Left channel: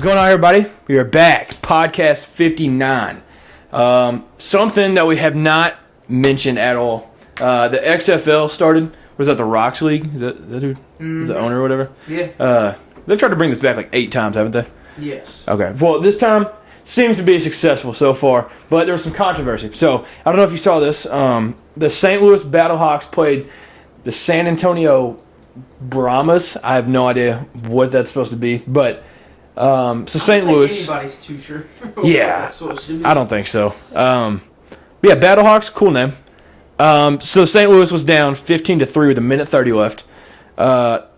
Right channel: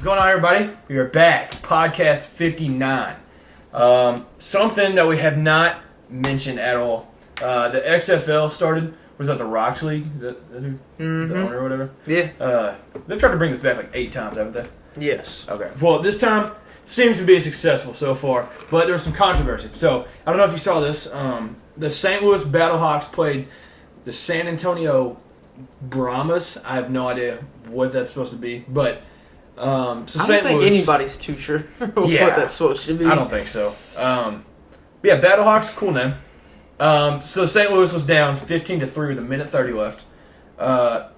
What's going on, everybody? We are back. Podcast 59. Something that we have not mentioned at all. The XFL started. Was that the Rocks League? Is that who? Is the owner or whatever? Yeah. They've tried to bring this back like 8 times, haven't they? Yes. Okay. Well, this time seems to be successful so far, but there was some controversy. So, I don't know if you saw this. The St. Louis Battlehawks played the San Antonio Brahmas. I have no idea what that's supposed to be, but so St. Louis. I don't think anybody's too sure what that's supposed to be. I don't think so. Yeah, Battlehawks, cool name. So St. Louis was down 15-3 with 1:30 left.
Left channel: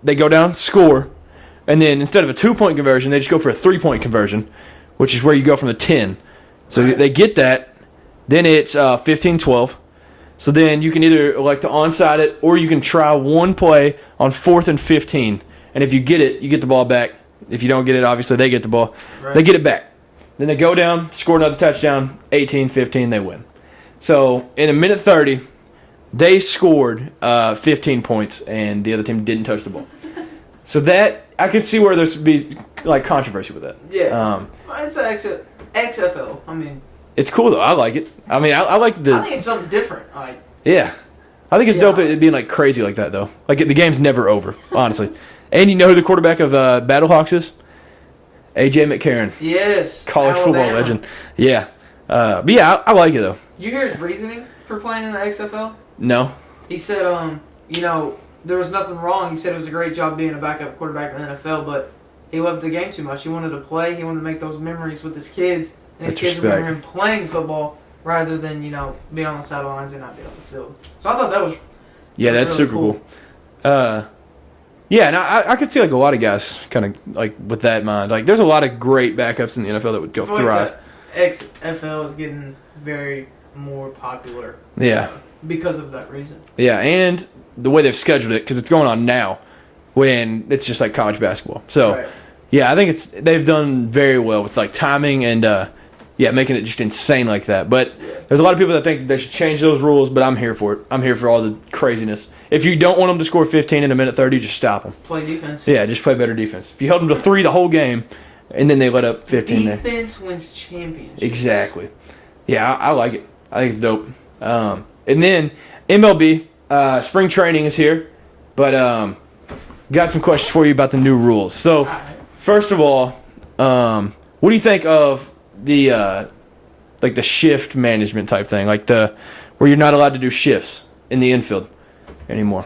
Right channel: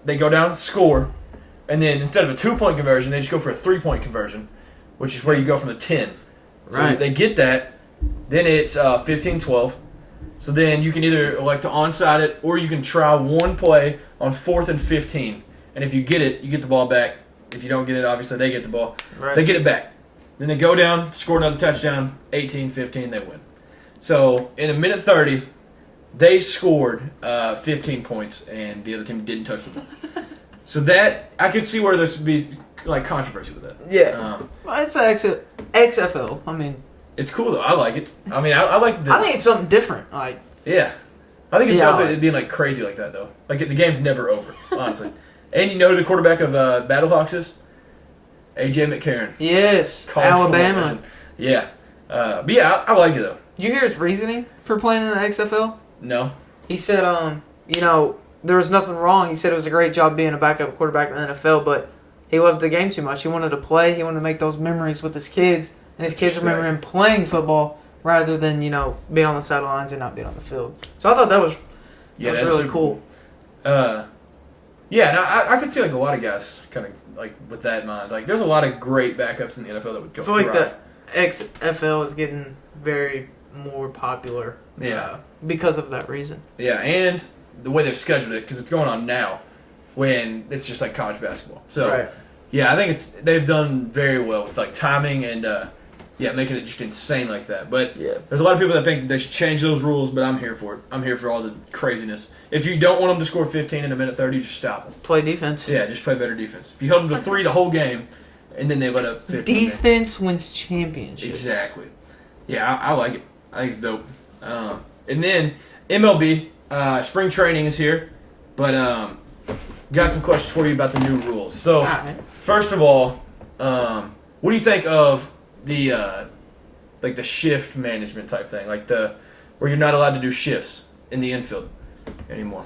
They go down, score, and then instead of a 2-point conversion, they just go for a 3-point conversion, which is where you go from the 10. So They get that. Then it's 15-12. So then you can either elect to onside it, or you can try one play on 4th and 15. And if you get it, you get the ball back. If you don't get it, obviously they get the ball. Right. They get it back. Then they go down, score another touchdown, 18-15, they win. So in 1:30, they scored 15 points, and the other team didn't touch the ball. So that, I could see where there's be like controversy with that. Yeah. It's XFL. I mean, it's cool though. I like it. I mean, I like the. I think it's something different. Yeah, I think it's dope it being like crazy like that though. Like the game's never over, honestly. And you know who the quarterback of Battlehawks is? A.J. McCarron. There college football legend. Yeah. But yeah, I like it though. Did you hear his reasoning for playing in the XFL? No. He said, there was nothing wrong. He said it was a great job being a backup quarterback in the NFL, but he loved the game too much. He wanted to play. He wanted to make those memories with his kids, and his kids remember him playing football rather than, being on the sidelines and not being on the field. So I thought that was that's really super cool. Yeah, and I could see like a lot of guys kind of like with that in mind. Like, there's a lot of great backups in the NFL that would go thrive. XFL is getting very more popular. Yeah. Because of that reason. Yeah, and the way they've scheduled it, because it's going on now, when it's just like college basketball. So, yeah, I think they've done very well with like timing and making it just insane like that. But there's a lot of people that think they should change those rules, but I'm here for it. I'm here for all the craziness. If you don't want them to score 15 in 1:30, just stop them. Play defense. Yeah, just play better defense. If you held them to 3 the whole game, and then they let up 15 defense wins championships. Exactly. Yeah, I like it. I think it's dope. And then MLB, spring training is here, but got some questions for you about the new rules. So, first of all, what do you think of the like the shift management type thing, like where you're not allowed to do shifts in the infield anymore?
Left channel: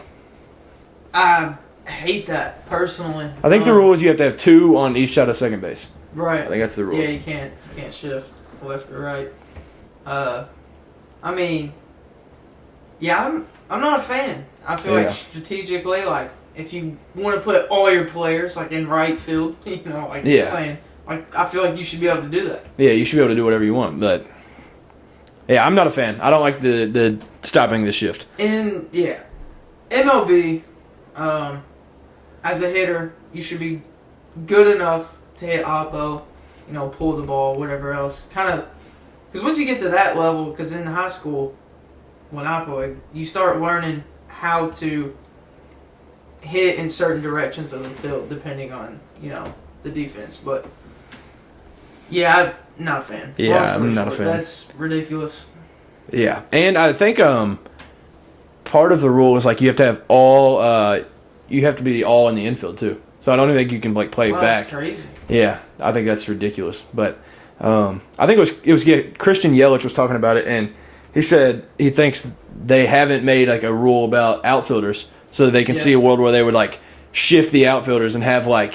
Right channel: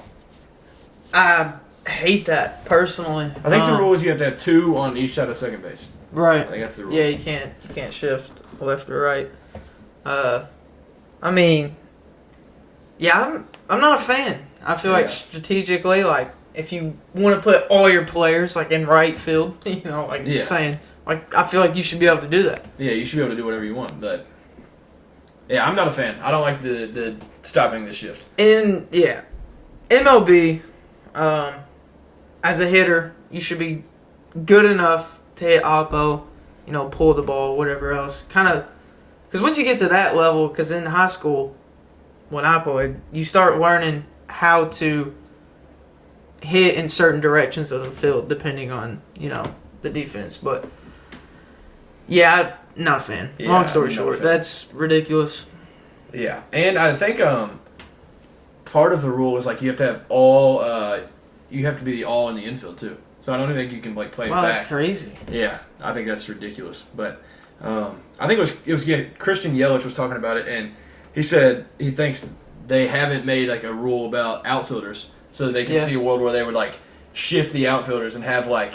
I hate that personally. I think the rule is you have to have 2 on each side of second base. Right. I think that's the rule. Yeah, you can't shift left or right. I mean, yeah, I'm not a fan. I feel like strategically, like if you want to put all your players like in right field, you're saying, like I feel like you should be able to do that. Yeah, you should be able to do whatever you want, but yeah, I'm not a fan. I don't like the stopping the shift. And MLB, as a hitter, you should be good enough to hit oppo, pull the ball, whatever else, kind of. Because once you get to that level, because in high school, when I played, you start learning how to hit in certain directions of the field, depending on, the defense. But, yeah, I'm not a fan. Yeah, long story short, that's ridiculous. Yeah, and I think part of the rule is, like, you have to have you have to be all in the infield, too. So I don't even think you can, like, play back. That's crazy. Yeah, I think that's ridiculous. But I think it was Christian Yelich was talking about it, and he said he thinks they haven't made like a rule about outfielders so that they can see a world where they would like shift the outfielders and have like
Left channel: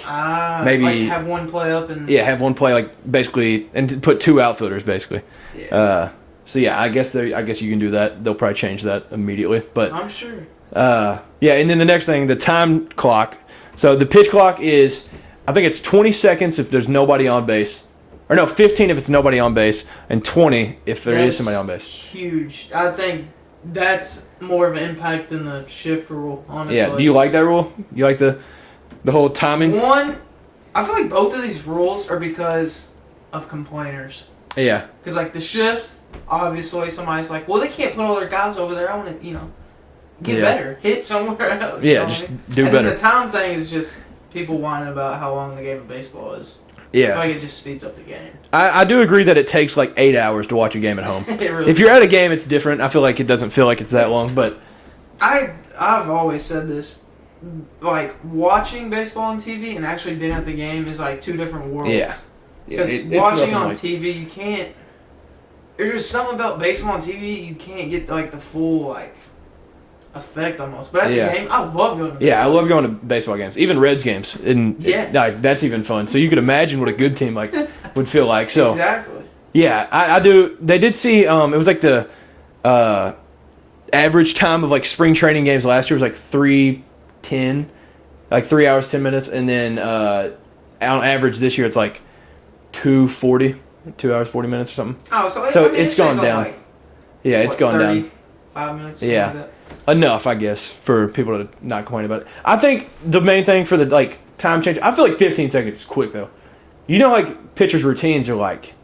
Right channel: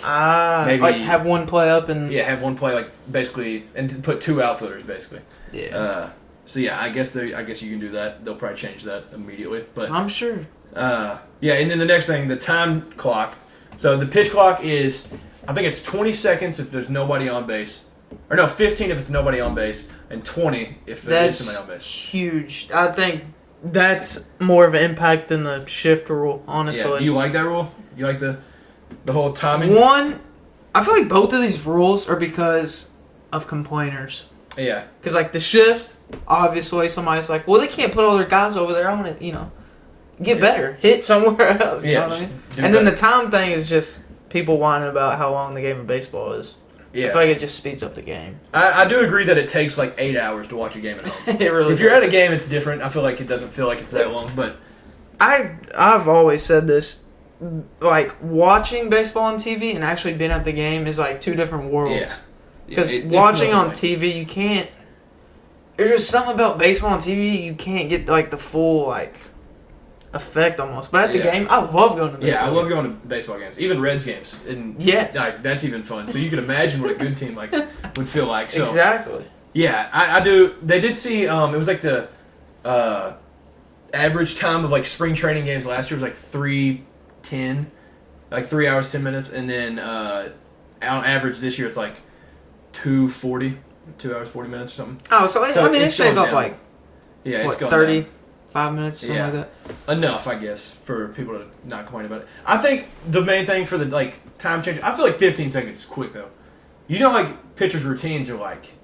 maybe like have one play up and have one play like basically and put 2 outfielders basically. Yeah. So yeah, I guess you can do that. They'll probably change that immediately, but I'm sure. And then the next thing, the time clock. So the pitch clock is, I think it's 20 seconds if there's nobody on base. Or no, 15 if it's nobody on base, and 20 if there is somebody on base. Huge. I think that's more of an impact than the shift rule, honestly. Yeah, do you like that rule? You like the whole timing? One, I feel like both of these rules are because of complainers. Yeah. Because, like, the shift, obviously somebody's like, well, they can't put all their guys over there. I want to, get better. Hit somewhere else. Yeah, just do better. And then the time thing is just people whining about how long the game of baseball is. I feel like it just speeds up the game. I do agree that it takes like 8 hours to watch a game at home. Really if you're at a game, it's different. I feel like it doesn't feel like it's that long, but I've always said this. Like, watching baseball on TV and actually being at the game is like two different worlds. Yeah. Because watching on TV, you can't... There's just something about baseball on TV, you can't get like the full like effect almost. But at the game, I love going to baseball I love going to baseball games. Even Reds games. And that's even fun. So you can imagine what a good team like would feel like. So exactly. Yeah, I do. They did see, it was like the average time of like spring training games last year was like 3:10, like 3 hours 10 minutes, and then on average this year it's like 2:40, 2 hours 40 minutes or something. Oh, so I mean it's going down. Like, it's going 35 minutes. Something like that. Enough, I guess, for people to not complain about it. I think the main thing for the like time change, I feel like 15 seconds is quick though. You know, like pitchers' routines are like,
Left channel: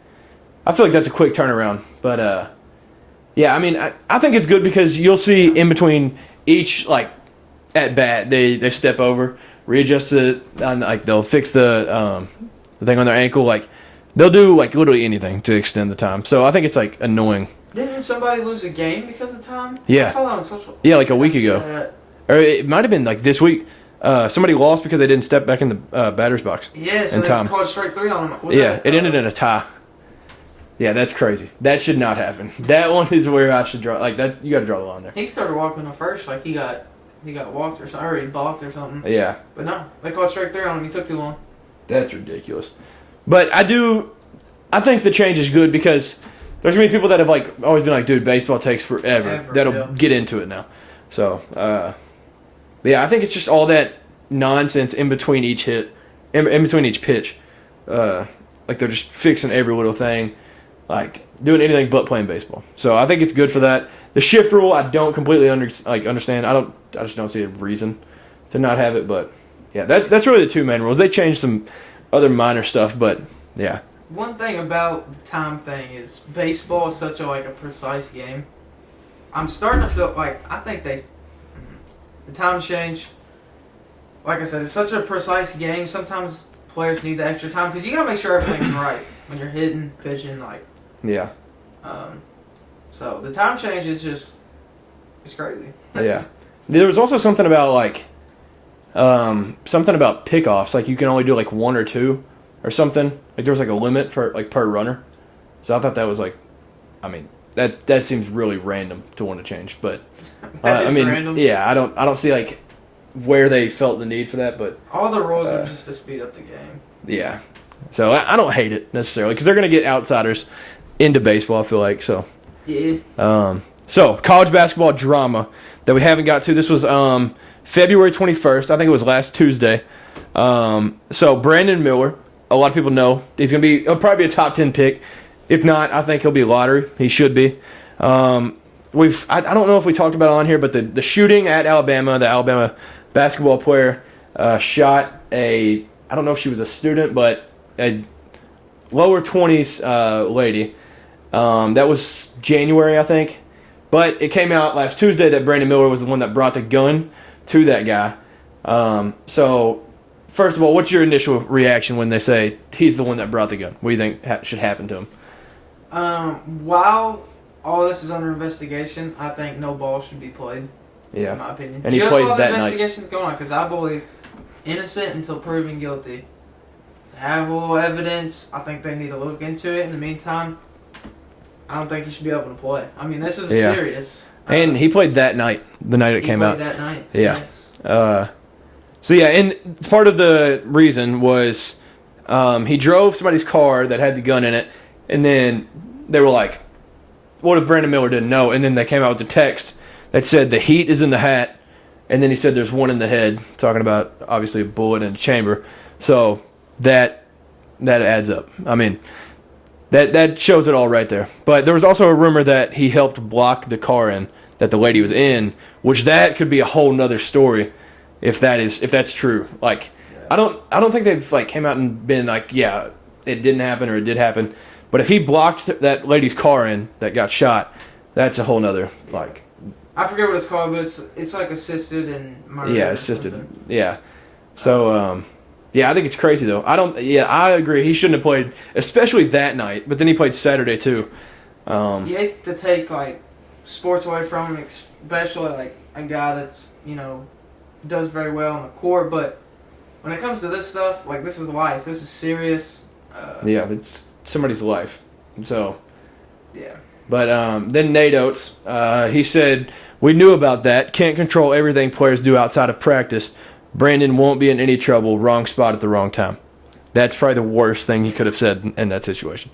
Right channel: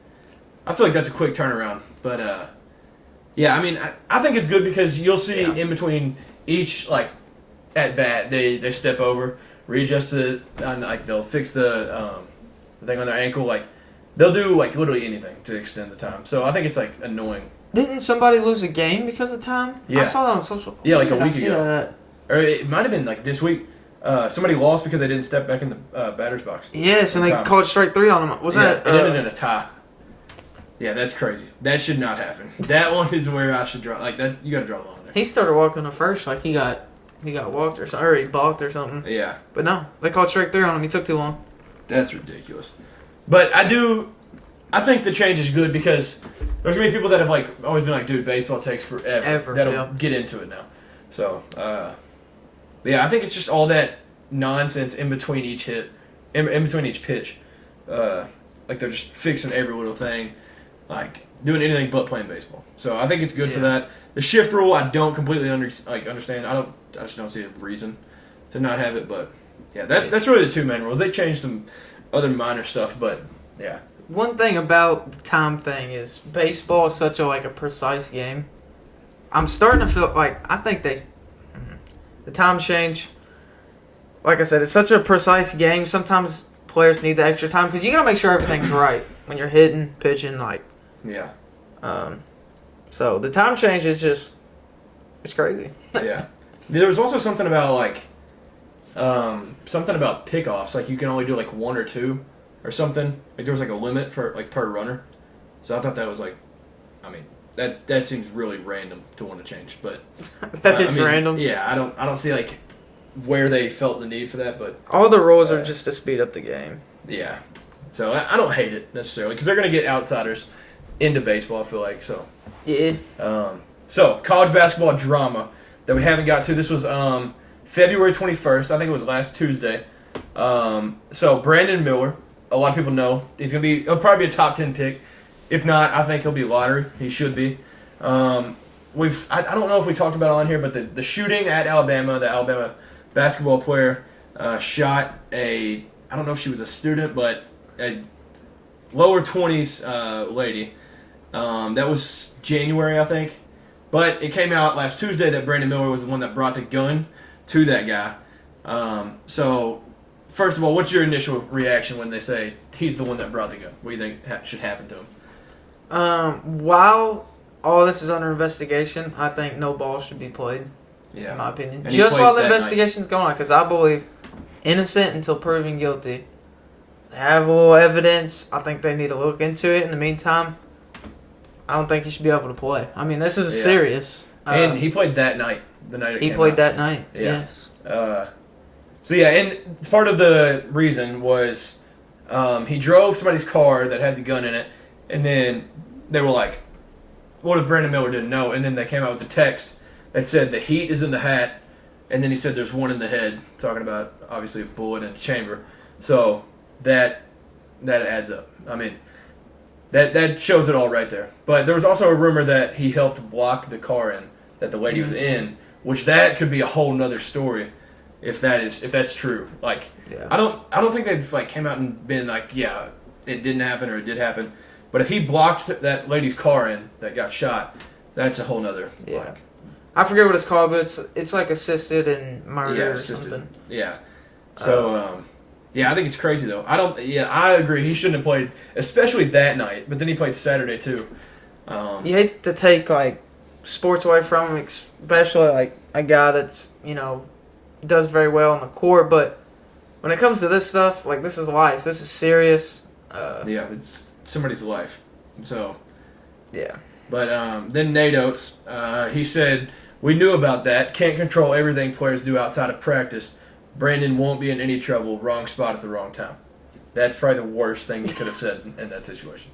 I feel like that's a quick turnaround, but I mean, I think it's good because you'll see in between each like at bat they step over, readjust it, and like they'll fix the thing on their ankle, like they'll do like literally anything to extend the time. So I think it's like annoying. Didn't somebody lose a game because of time? Yeah, I saw that on social. Yeah, like a week ago, or it might have been like this week. Somebody lost because they didn't step back in the batter's box. Yeah, so they called strike 3 on them. It ended in a tie. Yeah, that's crazy. That should not happen. That one is where I should draw. Like that's you got to draw the line there. He started walking to first, like he got walked or something, or he balked or something. Yeah, but no, they called strike 3 on him. He took too long. That's ridiculous. But I think the change is good because there's gonna be people that have like always been like, dude, baseball takes forever. That'll get into it now. So, I think it's just all that nonsense in between each hit, in between each pitch. Like they're just fixing every little thing, like doing anything but playing baseball. So I think it's good for that. The shift rule, I don't completely understand. I just don't see a reason to not have it. But yeah, that's really the two main rules. They changed some other minor stuff, but yeah. One thing about the time thing is baseball is such a precise game. I'm starting to feel like I think the time change. Like I said, it's such a precise game. Sometimes players need the extra time because you gotta make sure everything's right when you're hitting, pitching, Yeah. So the time change is it's crazy. Yeah. There was also something about pickoffs. Like you can only do like one or two or something. Like there was like a limit for like per runner. So I thought that was that seems really random to want to change. But that is random. Yeah, I don't see like where they felt the need for that. But all the rules are just to speed up the game. Yeah. So I don't hate it necessarily because they're gonna get outsiders into baseball. I feel like so. Yeah. So college basketball drama that we haven't got to. This was February 21st. I think it was last Tuesday. So Brandon Miller, a lot of people know he'll probably be a top 10 pick. If not, I think he'll be lottery. He should be. I don't know if we talked about it on here, but the shooting at Alabama, the Alabama basketball player shot I don't know if she was a student, but a lower 20s lady. That was January, I think. But it came out last Tuesday that Brandon Miller was the one that brought the gun to that guy. So, first of all, what's your initial reaction when they say he's the one that brought the gun? What do you think should happen to him? While all this is under investigation, I think no ball should be played. Yeah. In my opinion. And just while the investigation's going on, because I believe innocent until proven guilty. Have a little evidence. I think they need to look into it. In the meantime, I don't think he should be able to play. I mean, this is serious. And he played that night, the night it came out. He played that night. Yeah. Yes. And part of the reason was he drove somebody's car that had the gun in it, and then they were like, what if Brandon Miller didn't know? And then they came out with the text that said the heat is in the hat, and then he said there's one in the head, talking about, obviously, a bullet in the chamber. So that adds up. I mean, that shows it all right there. But there was also a rumor that he helped block the car in that the lady was in, which that could be a whole nother story if that's true. Like, yeah. I don't think they've came out and been like, yeah, it didn't happen or it did happen. But if he blocked that lady's car in that got shot, that's a whole nother I forget what it's called, but it's like assisted and murder. Yeah, assisted. Yeah. So Yeah, I think it's crazy though. I agree. He shouldn't have played, especially that night. But then he played Saturday too. You hate to take like sports away from him, especially like a guy that's does very well on the court. But when it comes to this stuff, like this is life. This is serious. Yeah, that's somebody's life. So. Yeah. But then Nate Oates, he said, "We knew about that. Can't control everything players do outside of practice. Brandon won't be in any trouble. Wrong spot at the wrong time." That's probably the worst thing he could have said in that situation.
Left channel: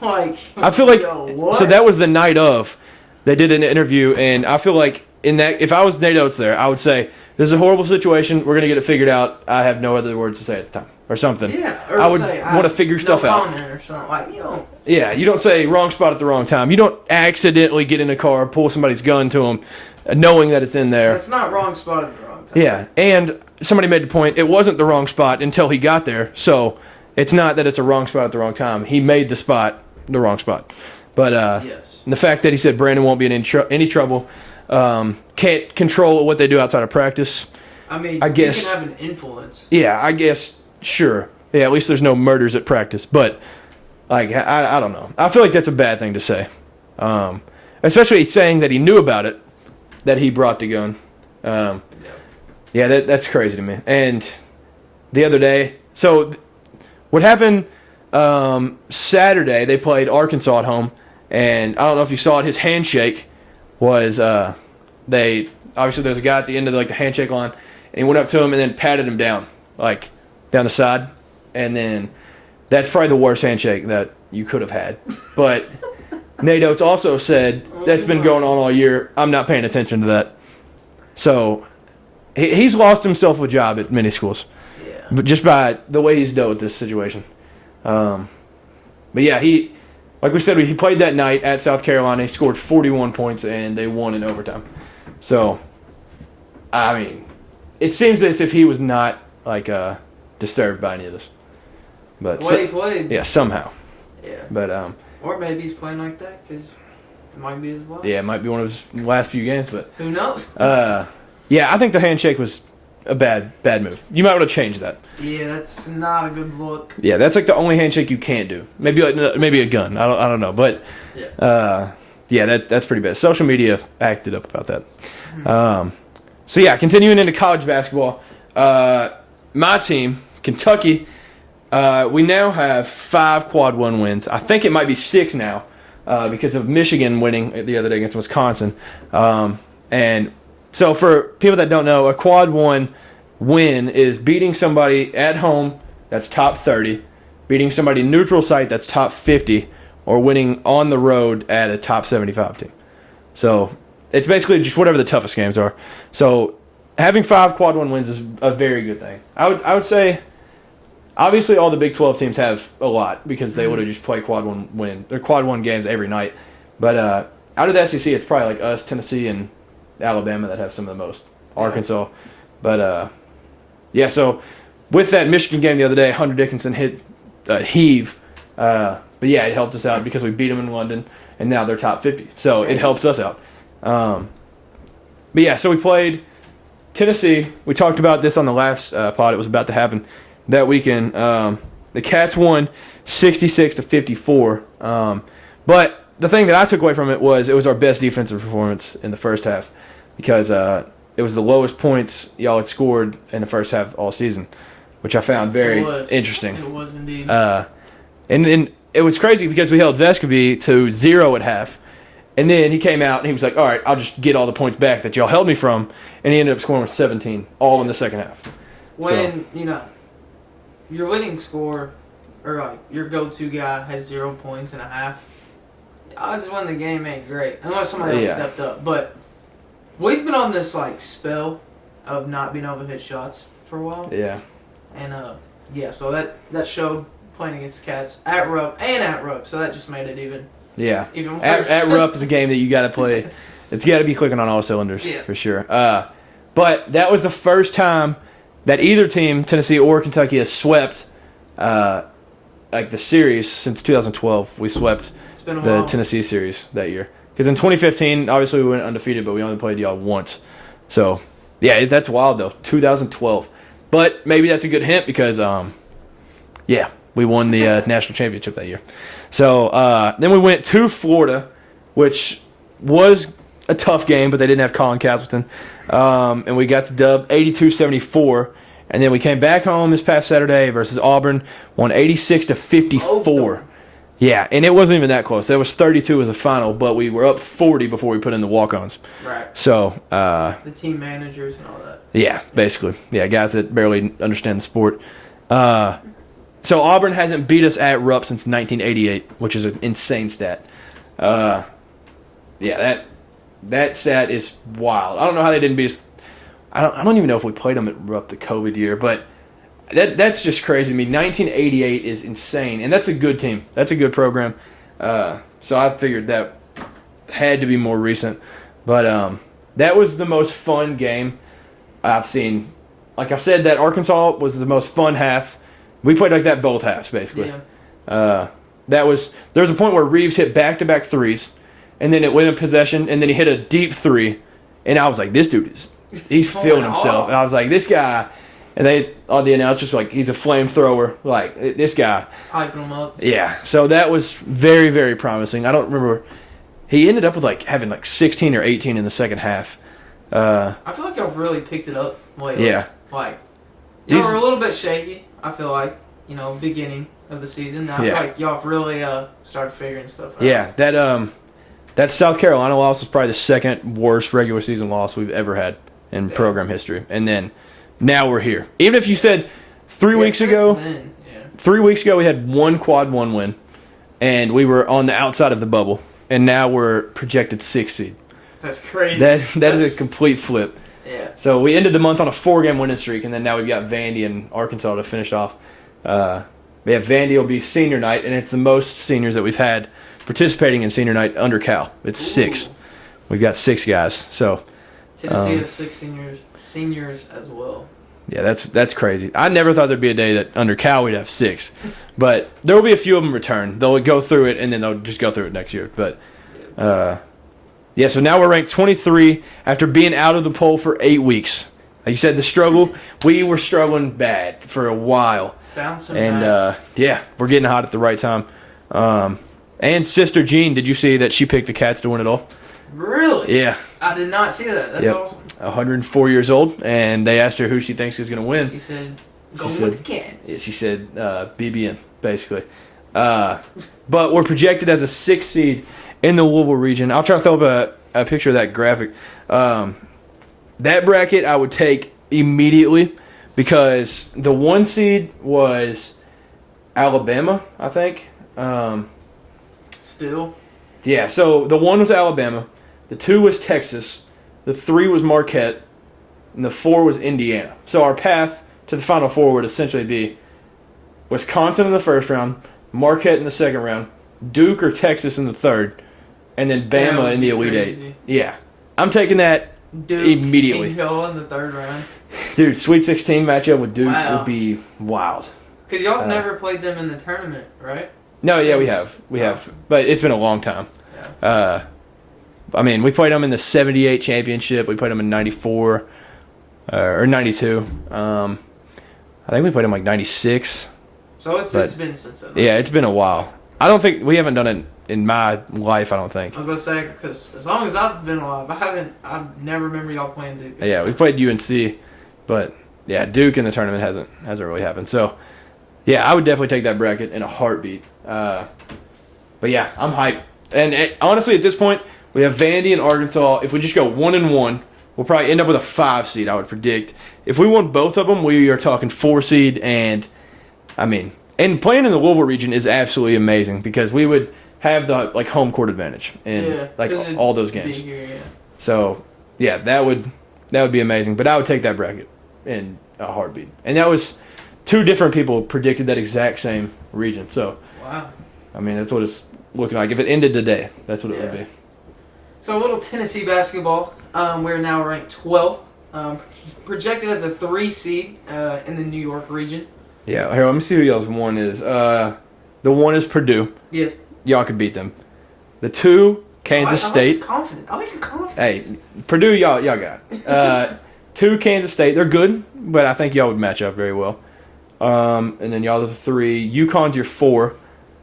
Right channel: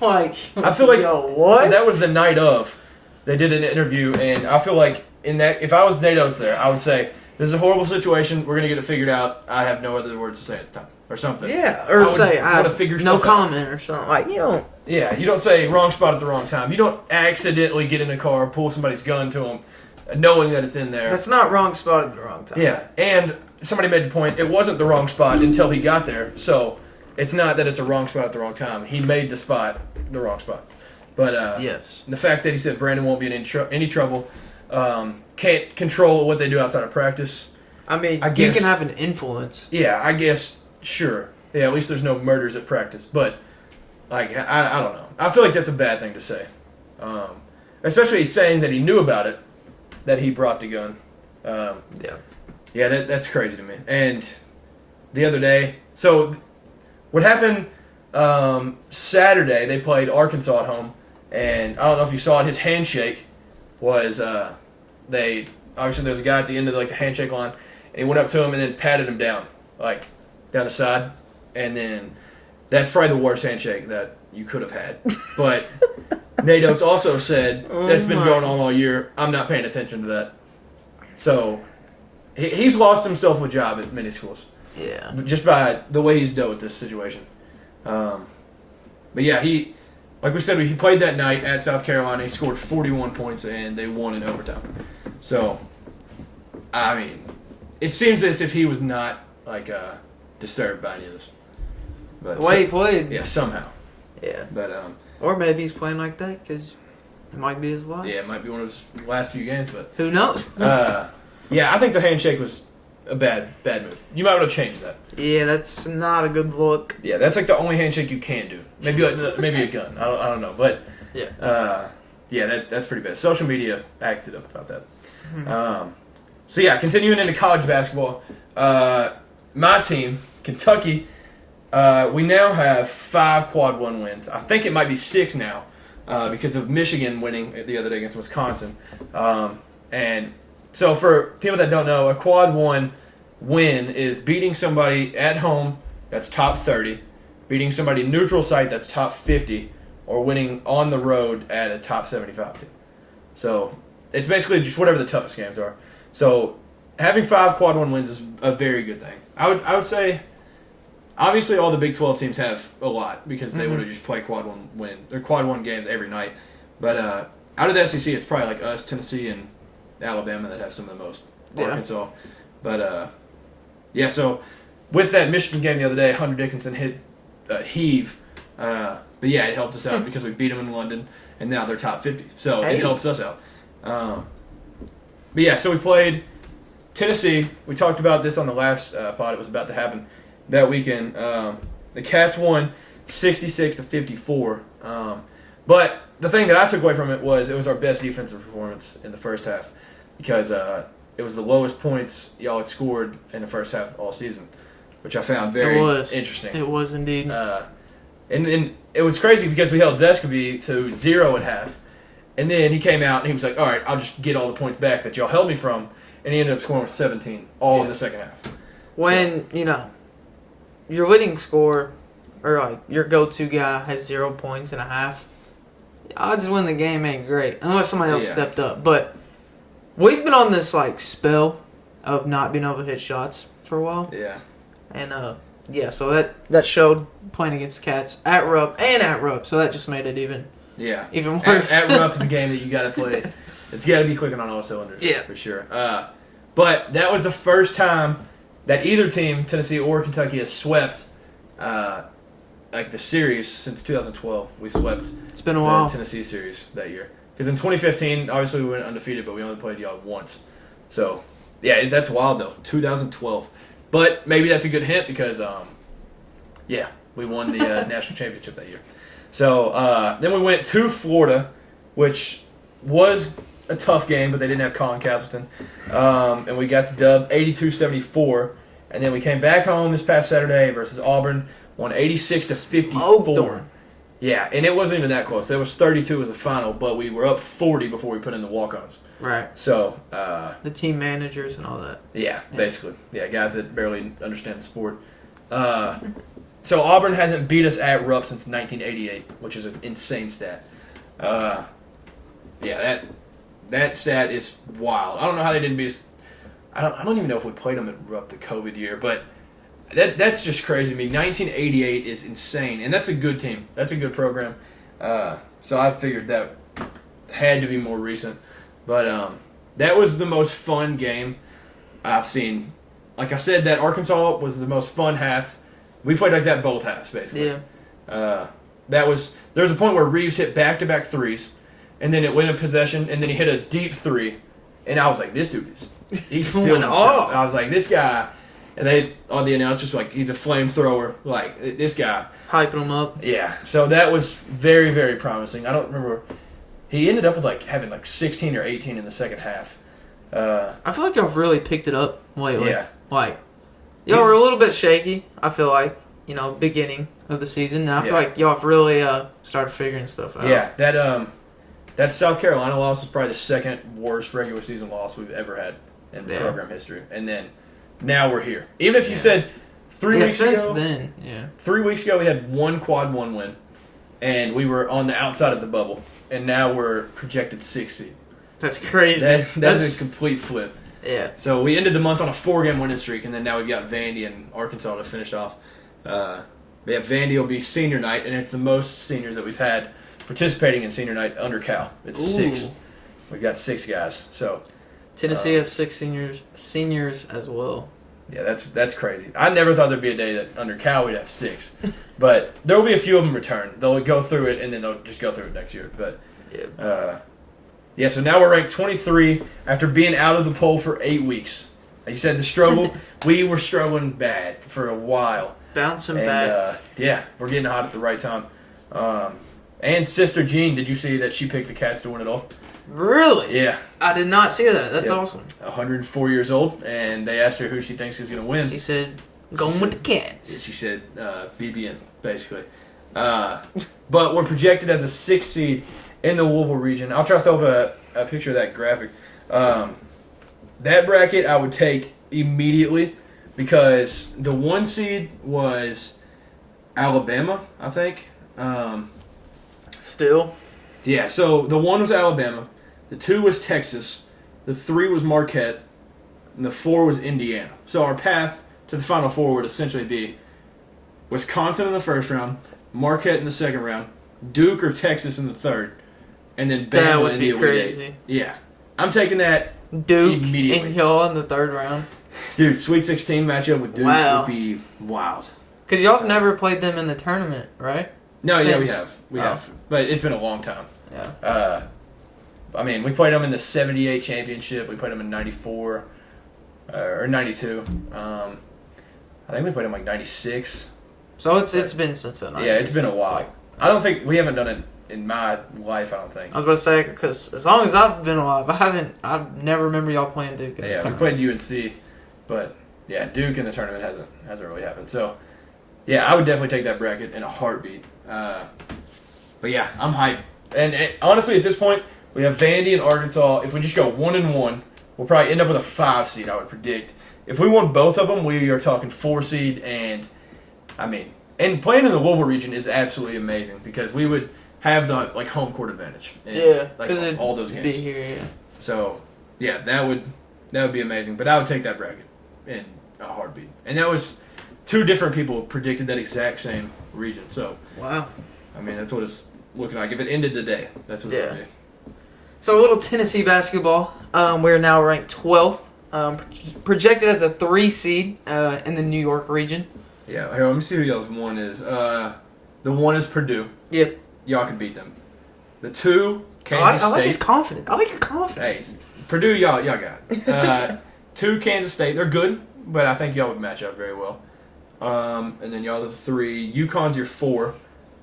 Like, I feel like what? So that was the night of. They did an interview, and I feel like in that, if I was Nate Oates there, I would say, "This is a horrible situation. We're gonna get it figured out. I have no other words to say at the time." Or something. Yeah, or I would say want to figure stuff out. No comment or something. Like, you don't. Yeah, you don't say wrong spot at the wrong time. You don't accidentally get in a car, pull somebody's gun to them, knowing that it's in there. That's not wrong spot at the wrong time. Yeah, and somebody made the point, it wasn't the wrong spot until he got there. So it's not that it's a wrong spot at the wrong time. He made the spot the wrong spot. But yes. The fact that he said Brandon won't be in any trouble, can't control what they do outside of practice. I mean, I guess, you can have an influence. Yeah, I guess. Sure. Yeah, at least there's no murders at practice. But, like, I don't know. I feel like that's a bad thing to say. Especially saying that he knew about it, that he brought the gun. Yeah, that's crazy to me. And the other day, so what happened Saturday, they played Arkansas at home. And I don't know if you saw it, his handshake was, obviously there's a guy at the end of the handshake line, and he went up to him and then patted him down, like, down the side, and then that's probably the worst handshake that you could have had. But Nate Oates also said that's been going on all year. I'm not paying attention to that. So he's lost himself a job at many schools. Yeah. But just by the way he's dealt with this situation. But yeah, like we said, he played that night at South Carolina. He scored 41 points, and they won in overtime. So, I mean, it seems as if he was not disturbed by any of this. But the way he played. Yeah, somehow. Yeah. But or maybe he's playing like that because it might be his last. Yeah, it might be one of his last few games, but who knows? Yeah, I think the handshake was a bad move. You might want to change that. Yeah, that's not a good look. Yeah, that's like the only handshake you can't do. Maybe a gun. I don't know, but yeah, that's pretty bad. Social media acted up about that. Mm-hmm. So yeah, continuing into college basketball. My team, Kentucky, we now have 5 quad 1 wins. I think it might be 6 now because of Michigan winning the other day against Wisconsin. And so for people that don't know, a quad 1 win is beating somebody at home that's top 30, beating somebody neutral site that's top 50, or winning on the road at a top 75 team. So it's basically just whatever the toughest games are. So having 5 quad 1 wins is a very good thing. I would say, obviously all the Big 12 teams have a lot because they would have just played quad 1 games every night. But out of the SEC, it's probably like us, Tennessee, and Alabama that have some of the most. Arkansas. But yeah, so with that Michigan game the other day, Hunter Dickinson hit heave. But yeah, it helped us out because we beat them in London, and now they're top 50. So it helps us out. But yeah, so we played Tennessee. We talked about this on the last pod. It was about to happen that weekend. The Cats won 66-54. But the thing that I took away from it was our best defensive performance in the first half because it was the lowest points y'all had scored in the first half all season, which I found very interesting. It was indeed. And then it was crazy because we held Vescovy to 0 at half. And then he came out and he was like, all right, I'll just get all the points back that y'all held me from. And he ended up scoring with 17 all in the second half. When, your leading scorer or your go-to guy has 0 points in a half, odds to win the game ain't great unless somebody else stepped up. But we've been on this spell of not being able to hit shots for a while. Yeah. And so that showed playing against the Cats at Rupp and at Rupp. So that just made it even worse. At Rupp is a game that you got to play. It's got to be clicking on all cylinders for sure. But that was the first time that either team, Tennessee or Kentucky, has swept the series since 2012. We swept the Tennessee series that year. Because in 2015, obviously we went undefeated, but we only played y'all once. So, yeah, that's wild, though. 2012. But maybe that's a good hint because, we won the national championship that year. So then we went to Florida, which was a tough game, but they didn't have Colin Castleton. And we got the dub 82-74. And then we came back home this past Saturday versus Auburn, won 86-54. Yeah, and it wasn't even that close. That was 32 as a final, but we were up 40 before we put in the walk-ons. Right. So the team managers and all that. Yeah, basically. Yeah, guys that barely understand the sport. So Auburn hasn't beat us at Rupp since 1988, which is an insane stat. That stat is wild. I don't know how they didn't beat us. I don't even know if we played them at Rupp the COVID year, but that's just crazy to me. 1988 is insane, and that's a good team. That's a good program. So I figured that had to be more recent. But that was the most fun game I've seen. Like I said, that Arkansas was the most fun half. We played like that both halves, basically. Yeah. There was a point where Reeves hit back-to-back threes, and then it went in possession, and then he hit a deep three, and I was like, this dude he's feeling himself. And I was like, this guy, and they on the announcers were like, he's a flamethrower. Like, this guy. Hyping him up. Yeah, so that was very, very promising. I don't remember. He ended up with having 16 or 18 in the second half. I feel like y'all really picked it up lately. Yeah. Y'all were a little bit shaky, I feel like, beginning of the season. Now I feel like y'all have really started figuring stuff out. Yeah, that South Carolina loss was probably the second worst regular season loss we've ever had in program history. And then now we're here. Even if you said 3 weeks ago, 3 weeks ago we had one quad one win, and we were on the outside of the bubble, and now we're projected 6th seed. That's crazy. That's a complete flip. Yeah. So we ended the month on a 4-game winning streak, and then now we've got Vandy and Arkansas to finish off. Vandy will be senior night, and it's the most seniors that we've had participating in senior night under Cal. It's 6. We've got 6 guys. So Tennessee has 6 seniors as well. Yeah, that's crazy. I never thought there'd be a day that under Cal we'd have 6, but there will be a few of them return. They'll go through it, and then they'll just go through it next year. But so now we're ranked 23 after being out of the poll for 8 weeks. Like you said, the struggle, we were struggling bad for a while. Bouncing back. And, we're getting hot at the right time. And Sister Jean, did you see that she picked the Cats to win it all? Really? Yeah. I did not see that. That's awesome. 104 years old, and they asked her who she thinks is going to win. She said, going with the Cats. She said BBN, basically. But we're projected as a 6th seed in the Louisville region. I'll try to throw up a picture of that graphic. That bracket I would take immediately because the 1 seed was Alabama, I think. Still? Yeah, so the 1 was Alabama, the 2 was Texas, the 3 was Marquette, and the 4 was Indiana. So our path to the Final Four would essentially be Wisconsin in the first round, Marquette in the second round, Duke or Texas in the third, and then Bama in the Elite Eight. Yeah. I'm taking that Duke immediately. and y'all in the third round. Dude, Sweet 16 matchup with Duke would be wild. Because y'all have never played them in the tournament, right? No, we have. We have. But it's been a long time. Yeah. We played them in the 78 championship. We played them in 94 or 92. I think we played them 96. So it's been since then. Yeah, it's been a while. I don't think we haven't done it in my life. I don't think. I was about to say because as long as I've been alive, I never remember y'all playing Duke. Yeah, we played UNC, but Duke in the tournament hasn't really happened. So I would definitely take that bracket in a heartbeat. But I'm hyped. And honestly, at this point, we have Vandy and Arkansas. If we just go 1-1, we'll probably end up with a 5 seed. I would predict. If we won both of them, we are talking 4 seed, and playing in the Louisville region is absolutely amazing because we would have the home court advantage in all those games. Be here, So that would be amazing. But I would take that bracket in a heartbeat. And that was 2 different people predicted that exact same region. So wow. That's what it's looking like. If it ended today, that's what it would be. So a little Tennessee basketball. We're now ranked 12th. Projected as a 3 seed in the New York region. Yeah, here, let me see who y'all's 1 is. The 1 is Purdue. Yep. Y'all could beat them. The 2, Kansas State. I like your confidence. Hey, Purdue, y'all got it. 2, Kansas State. They're good. but I think y'all would match up very well. And then y'all are the 3. UConn's your 4.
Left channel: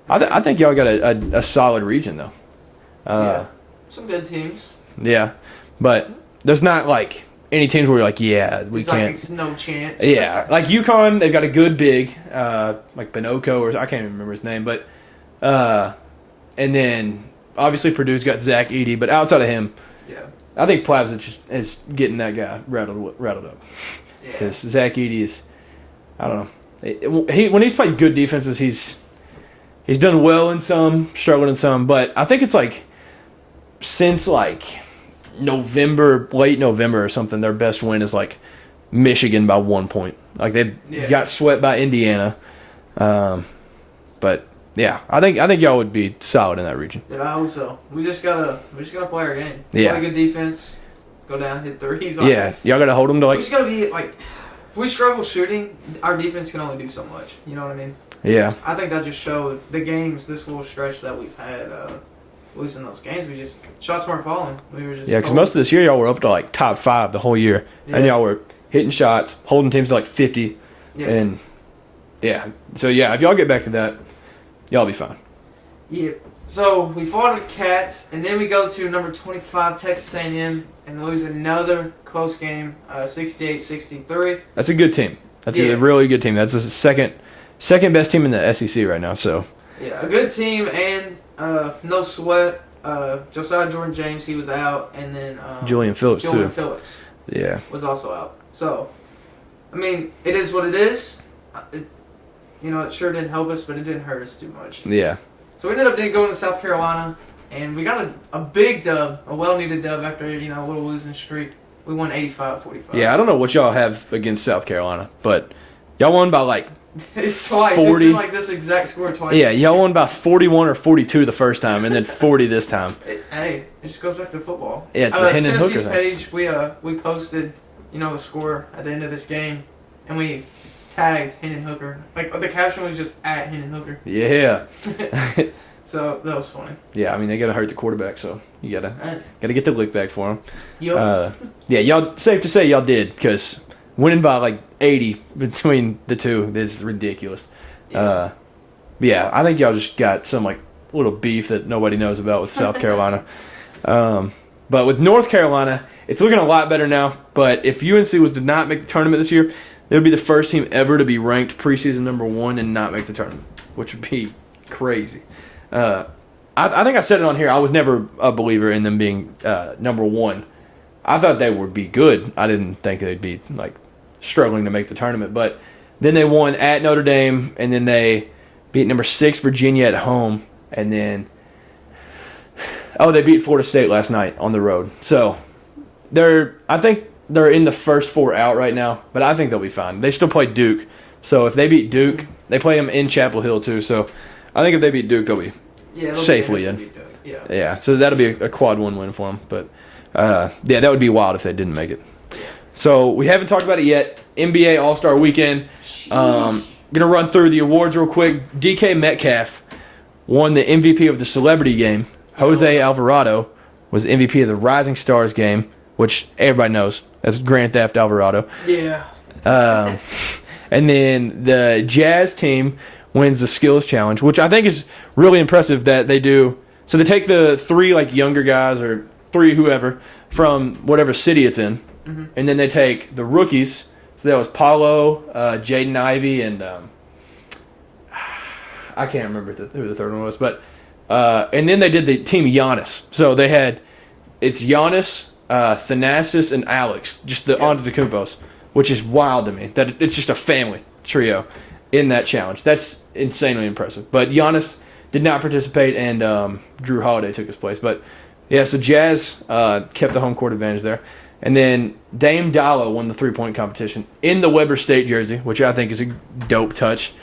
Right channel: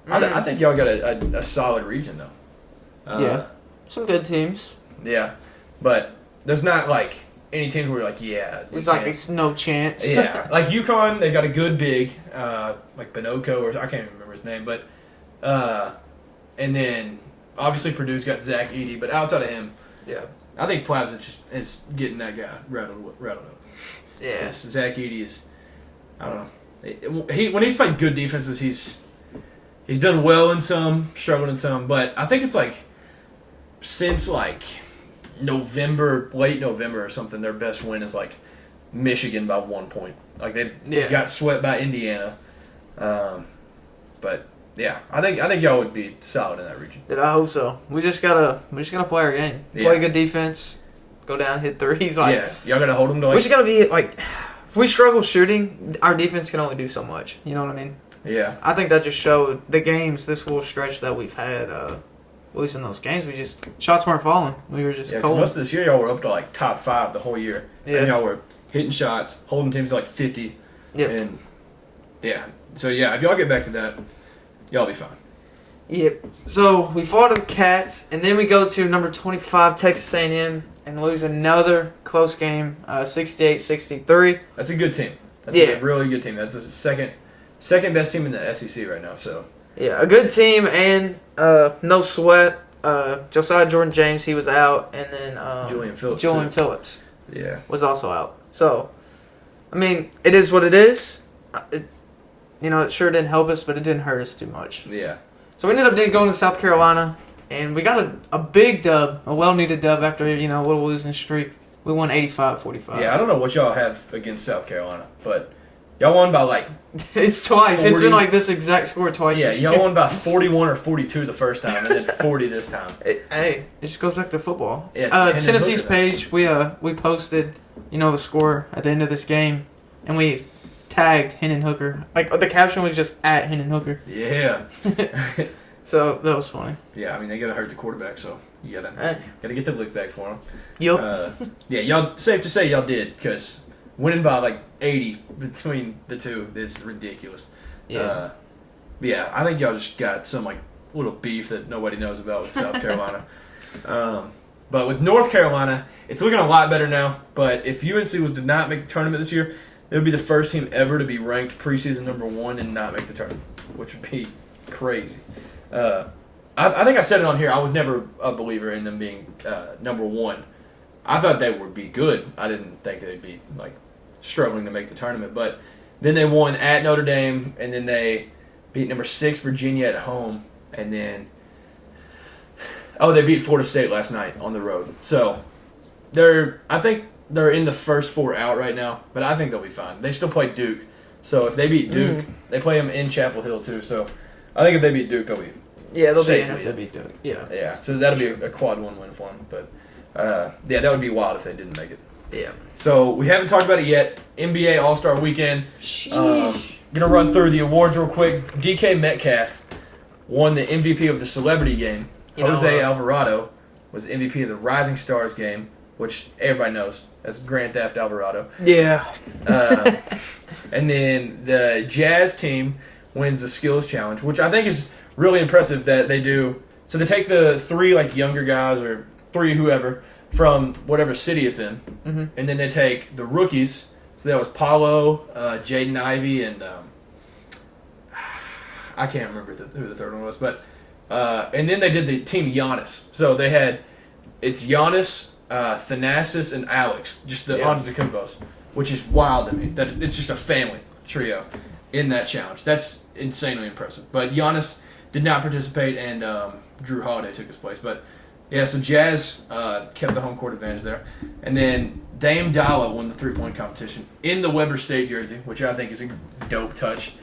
I think y'all got a solid region, though. Yeah. Some good teams. Yeah. But there's not, like, any teams where you're like, yeah, we can't. Like, no chance. Yeah. Like, UConn, they've got a good big, like Bonoko, or I can't even remember his name. But, and then, obviously, Purdue's got Zach Edey. But outside of him, I think Plavsic is getting that guy rattled up. Yeah. Because Zach Edey is, I don't know. When he's played good defenses, he's done well in some, struggling in some. But I think it's like since like late November or something, their best win is like Michigan by 1 point. Like they got swept by Indiana. But yeah, I think y'all would be solid in that region. Yeah, I hope so. We just gotta play our game. Yeah. Play good defense. Go down, hit threes. Like, yeah, y'all gotta hold them to like. We just gotta be like, if we struggle shooting, our defense can only do so much. You know what I mean? Yeah. I think that just showed the games, this little stretch that we've had. Losing those games, we just shots weren't falling. We were just because most of this year y'all were up to like top 5 the whole year, and y'all were hitting shots, holding teams to like 50, and so if y'all get back to that, y'all be fine. Yeah. So we fought the Cats, and then we go to number 25 Texas A&M and lose another close game, 68-63. That's a good team. That's a really good team. That's the second best team in the SEC right now. So yeah, a good team and no sweat. Josiah Jordan James, he was out, and then Julian Phillips was also out. So I mean, it is what it is. It sure didn't help us, but it didn't hurt us too much. Yeah. So we ended up going to South Carolina, and we got a big dub, a well-needed dub after a little losing streak. We won 85-45. Yeah, I don't know what y'all have against South Carolina, but y'all won by like it's twice. 40. It's been like this exact score twice. Yeah, y'all won by 41 or 42 the first time, and then 40 this time. It just goes back to football. Yeah, it's Tennessee's page, we posted, the score at the end of this game, and we tagged Hendon Hooker. Like, the caption was just at Hendon Hooker. Yeah. So that was funny. Yeah, I mean, they gotta hurt the quarterback, so you gotta get the lick back for him. Yep. Y'all, safe to say y'all did, because winning by like 80 between the two is ridiculous. Yeah. I think y'all just got some like little beef that nobody knows about with South Carolina. But with North Carolina, it's looking a lot better now. But if UNC did not make the tournament this year, they would be the first team ever to be ranked preseason number 1 and not make the tournament, which would be crazy. I think I said it on here. I was never a believer in them being number 1. I thought they would be good. I didn't think they'd be like struggling to make the tournament. But then they won at Notre Dame, and then they beat number 6 Virginia at home, and then they beat Florida State last night on the road. So I think they're in the first 4 out right now, but I think they'll be fine. They still play Duke, so if they beat Duke, they play them in Chapel Hill too. So I think if they beat Duke, they'll be safely in. Beat Duke. Yeah. So that'll be a quad 1 win for them. But that would be wild if they didn't make it. Yeah. So we haven't talked about it yet. NBA All-Star Weekend. Gonna run through the awards real quick. DK Metcalf won the MVP of the Celebrity Game. Jose Alvarado was the MVP of the Rising Stars Game, which everybody knows. That's Grand Theft Alvarado. Yeah. And then the Jazz team wins the Skills Challenge, which I think is really impressive that they do. So they take the 3 like younger guys or 3 whoever from whatever city it's in, and then they take the rookies. So that was Paulo, Jaden Ivey, and I can't remember who the third one was, but and then they did the team Giannis. So they had it's Giannis, Thanasis, and Alex, just the Antetokounmpos, which is wild to me that it's just a family trio in that challenge. That's insanely impressive. But Giannis did not participate, and Drew Holiday took his place. But yeah, so Jazz kept the home court advantage there. And then Dame Dollar won the 3-point competition in the Weber State jersey, which I think is a dope touch.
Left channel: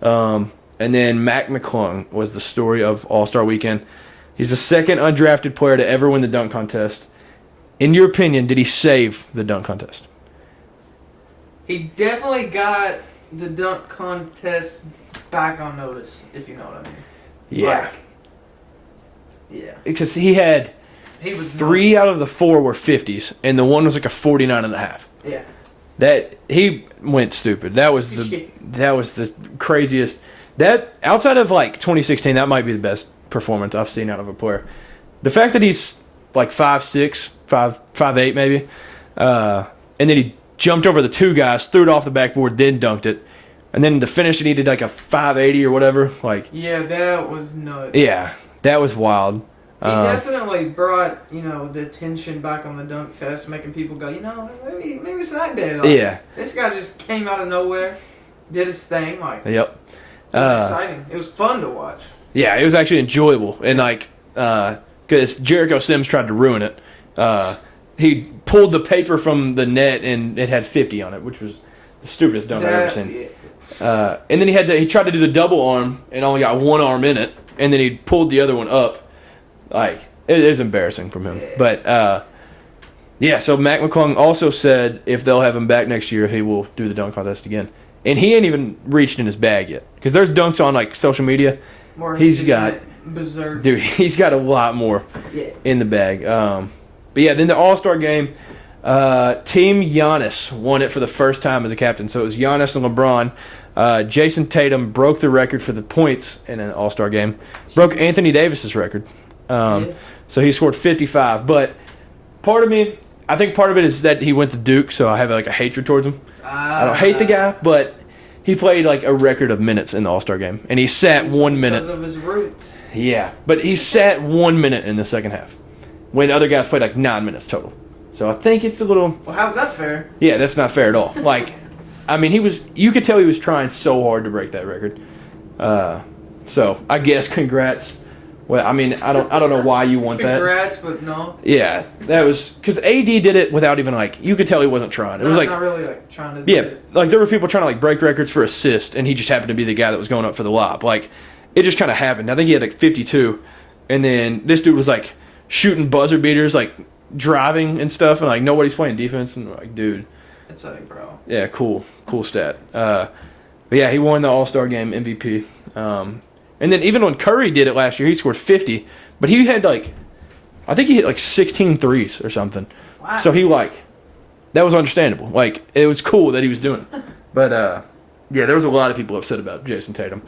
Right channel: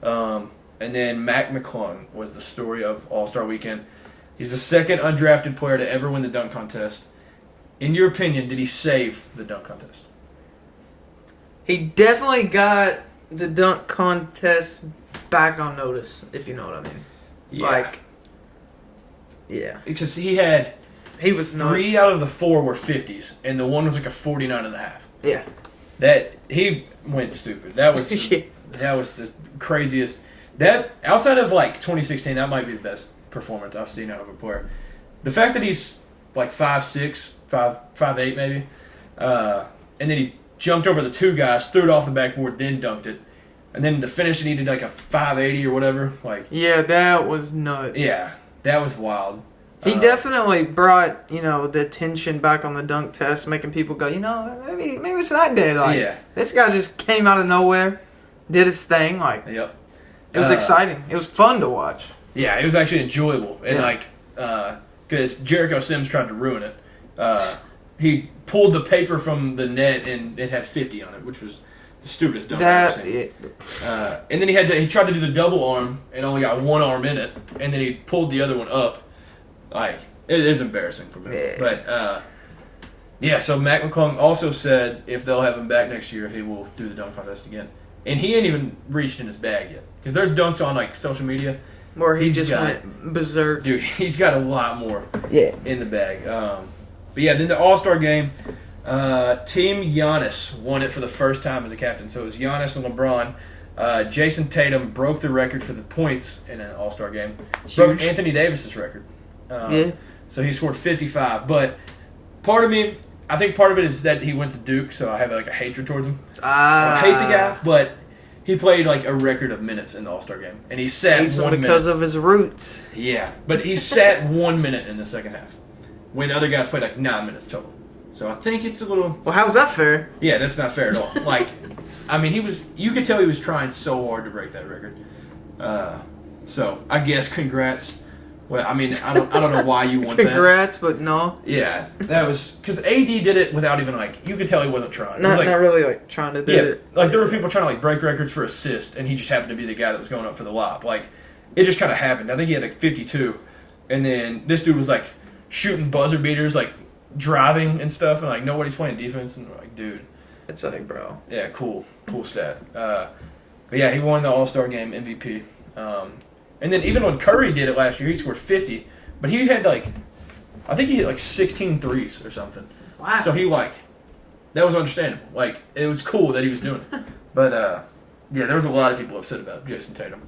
And then Mac McClung was the story of All-Star Weekend. He's the second undrafted player to ever win the dunk contest. In your opinion, did he save the dunk contest? He definitely got the dunk contest back on notice, if you know what I mean. Yeah. Yeah. Because he was 3 out of the 4 were 50s, and the one was like a 49.5. Yeah. That he went stupid. That was the craziest. That outside of like 2016, that might be the best performance I've seen out of a player. The fact that he's like 5'6", 5'8" maybe, and then he jumped over the two guys, threw it off the backboard, then dunked it, and then to finish it, he did like a 580 or whatever. Like, yeah, that was nuts. Yeah, that was wild. He definitely brought, the attention back on the dunk test, making people go, maybe it's not dead. Like, this guy just came out of nowhere, did his thing. Like, yep. It was exciting. It was fun to watch. Yeah, it was actually enjoyable. And, because Jericho Sims tried to ruin it. He pulled the paper from the net, and it had 50 on it, which was the stupidest dunk I've ever seen. And then he tried to do the double arm, and only got one arm in it, and then he pulled the other one up. Like, it is embarrassing from him. Yeah. But, so Mac McClung also said if they'll have him back next year, he will do the dunk contest again. And he ain't even reached in his bag yet. Because there's dunks on, like, social media. Or he's got berserk. Dude, he's got a lot more in the bag. But, yeah, then the All-Star game, Team Giannis won it for the first time as a captain. So it was Giannis and LeBron. Jason Tatum broke the record for the points in an All-Star game. Huge. Broke Anthony Davis's record. So he scored 55. But I think part of it is that he went to Duke, so I have like a hatred towards him. I don't hate the guy, but he played like a record of minutes in the All-Star game. And he sat 1 minute. Because of his roots. Yeah, but he sat 1 minute in the second half when other guys played like 9 minutes total. So I think it's a little... Well, how's that fair? Yeah, that's not fair at all. Like, I mean, you could tell he was trying so hard to break that record. So I guess congrats. Well, I mean, I don't know why you want that. Congrats, but no. Yeah, that was because AD did it without even like you could tell he wasn't trying. It was like not really like trying to do it. Like there were people trying to like break records for assist, and he just happened to be the guy that was going up for the lob. Like it just kind of happened. I think he had like 52, and then this dude was like shooting buzzer beaters, like driving and stuff, and like nobody's playing defense, and like dude, it's like bro. Yeah, cool stat. But yeah, he won the All-Star Game MVP. And then even when Curry did it last year, he scored 50. But he had I think he hit like 16 threes or something. Wow. So that was understandable. Like, it was cool that he was doing it. But, yeah, there was a lot of people upset about Jason Tatum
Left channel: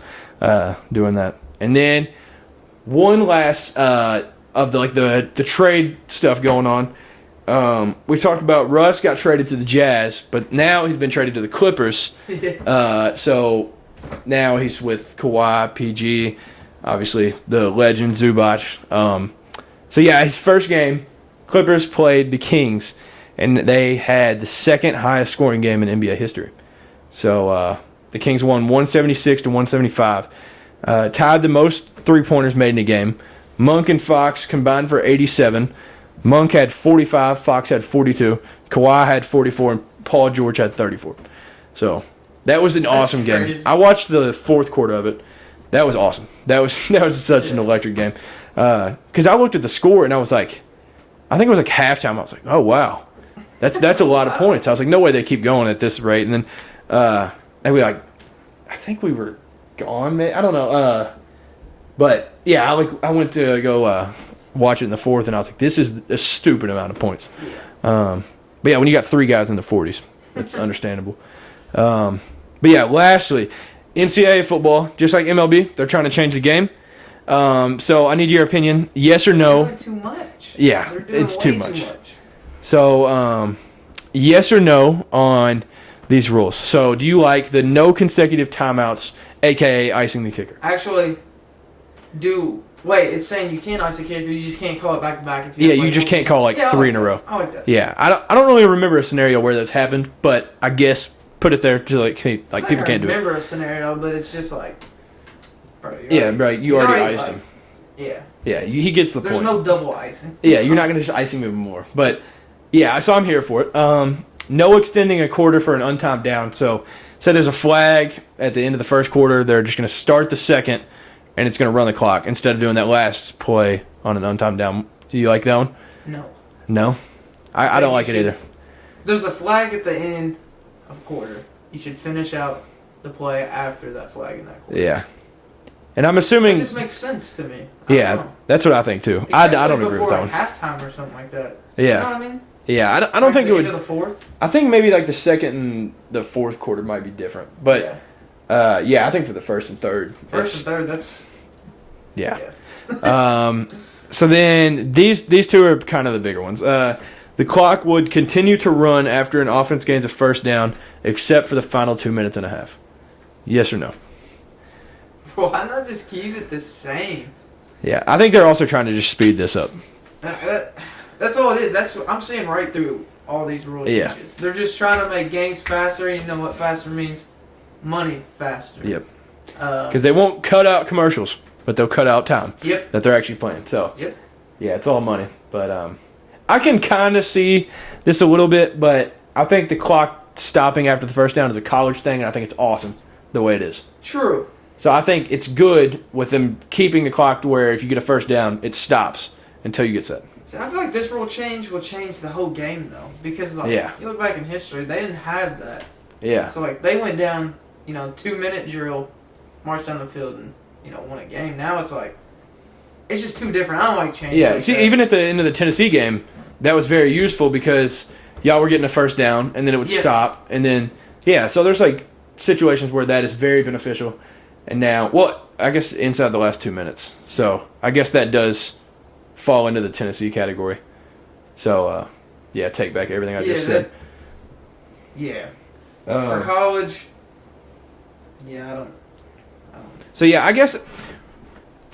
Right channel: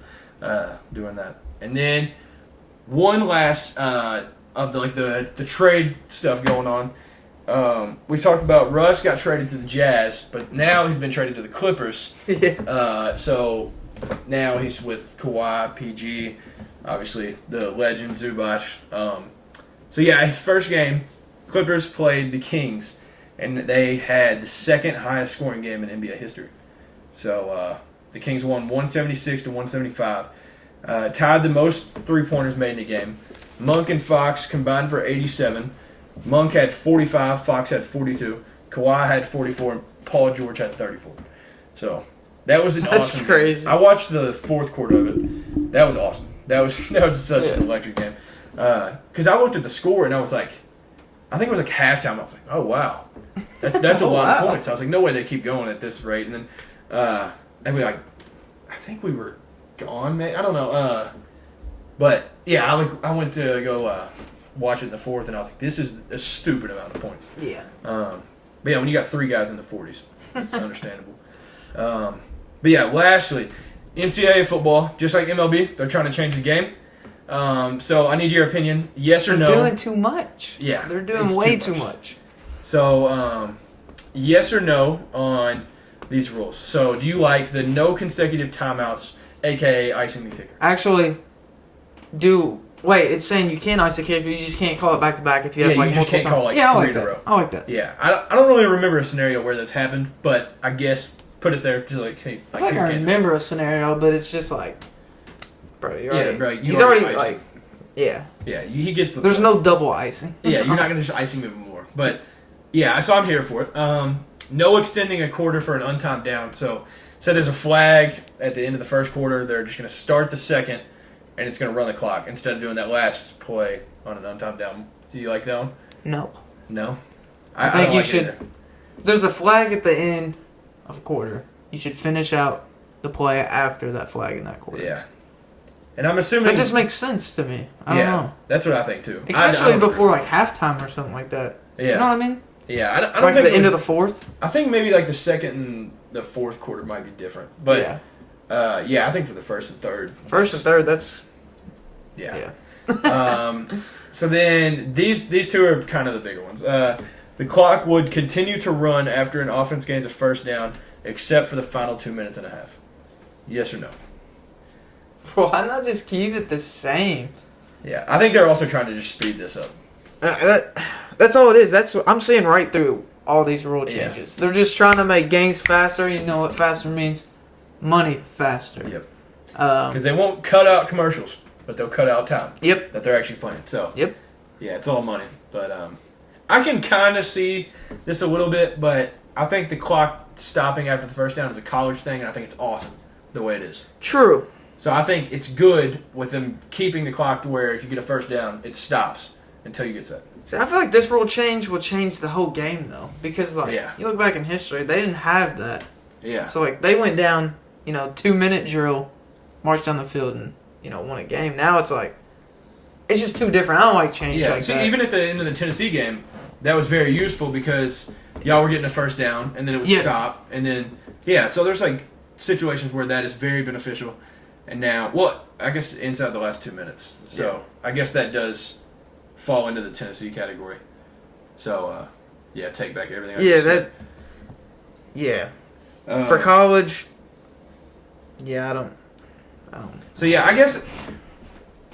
doing that. And then one last of the trade stuff going on. We talked about Russ got traded to the Jazz, but now he's been traded to the Clippers. So... Now he's with Kawhi, PG, obviously the legend Zubac. So yeah, his first game, Clippers played the Kings, and they had the second highest scoring game in NBA history. So the Kings won 176 to 175, tied the most 3-pointers made in a game. Monk and Fox combined for 87. Monk had 45, Fox had 42, Kawhi had 44, and Paul George had 34. So. That was an awesome game. I watched the fourth quarter of it. That was awesome. That was such an electric game. Because I looked at the score and I was like, I think it was like halftime. I was like, oh wow, that's a lot of points. I was like, no way they keep going at this rate. And then I think we were gone, man. I don't know. But yeah, I went to go watch it in the fourth, and I was like, this is a stupid amount of points. Yeah. But yeah, when you got 3 guys in the 40s, it's understandable. But yeah, lastly, NCAA football, just like MLB, they're trying to change the game. So I need your opinion. Yes or no? They're doing too much. Yeah, they're doing it's way too too much. So, yes or no on these rules. So, do you like the no consecutive timeouts, aka icing the kicker? Actually, it's saying you can ice the kicker, you just can't call it back to back if you have you just can't call 3 in a row. I like that. Yeah, I don't really remember a scenario where that's happened, but I guess put it there to people can't do it. I remember a scenario, but it's just like, bro, you already iced him. Yeah. Yeah, he gets the point. There's no double icing. Yeah, you're not going to just ice him even more. But, yeah, so I'm here for it. No extending a quarter for an untimed down. So there's a flag at the end of the first quarter. They're just going to start the second, and it's going to run the clock instead of doing that last play on an untimed down. Do you like that one? No. No? I don't like it either. If there's a flag at the end of a quarter, you should finish out the play after that flag in that quarter. Yeah. And I'm assuming... It just makes sense to me. I don't know. That's what I think, too. Especially before halftime or something like that. Yeah. You know what I mean? Yeah, I don't think the end of the fourth. I think maybe like the second and the fourth quarter might be different, but I think for the first and third. First and third, that's yeah. So then these two are kind of the bigger ones. The clock would continue to run after an offense gains a first down, except for the final 2 minutes and a half. Yes or no? Bro, why not just keep it the same? Yeah, I think they're also trying to just speed this up. That's all it is. That's what I'm seeing right through all these rule changes. They're just trying to make games faster. You know what faster means? Money faster. Yep. Because they won't cut out commercials, but they'll cut out time. Yep. That they're actually playing. So. Yep. Yeah, it's all money. But I can kind of see this a little bit, but I think the clock stopping after the first down is a college thing, and I think it's awesome the way it is. True. So I think it's good with them keeping the clock to where if you get a first down, it stops until you get set. See, I feel like this rule change will change the whole game, though. Because, you look back in history, they didn't have that. Yeah. So, they went down, 2-minute drill, marched down the field, and, won a game. Now it's it's just too different. I don't like change. Yeah, like see, that. even at the end of the Tennessee game, that was very useful because y'all were getting a first down, and then it would stop. And then, so there's, situations where that is very beneficial. And now, I guess inside the last 2 minutes. So, I guess that does fall into the Tennessee category. So, take back everything I just said. Yeah. For college, I don't. So, I guess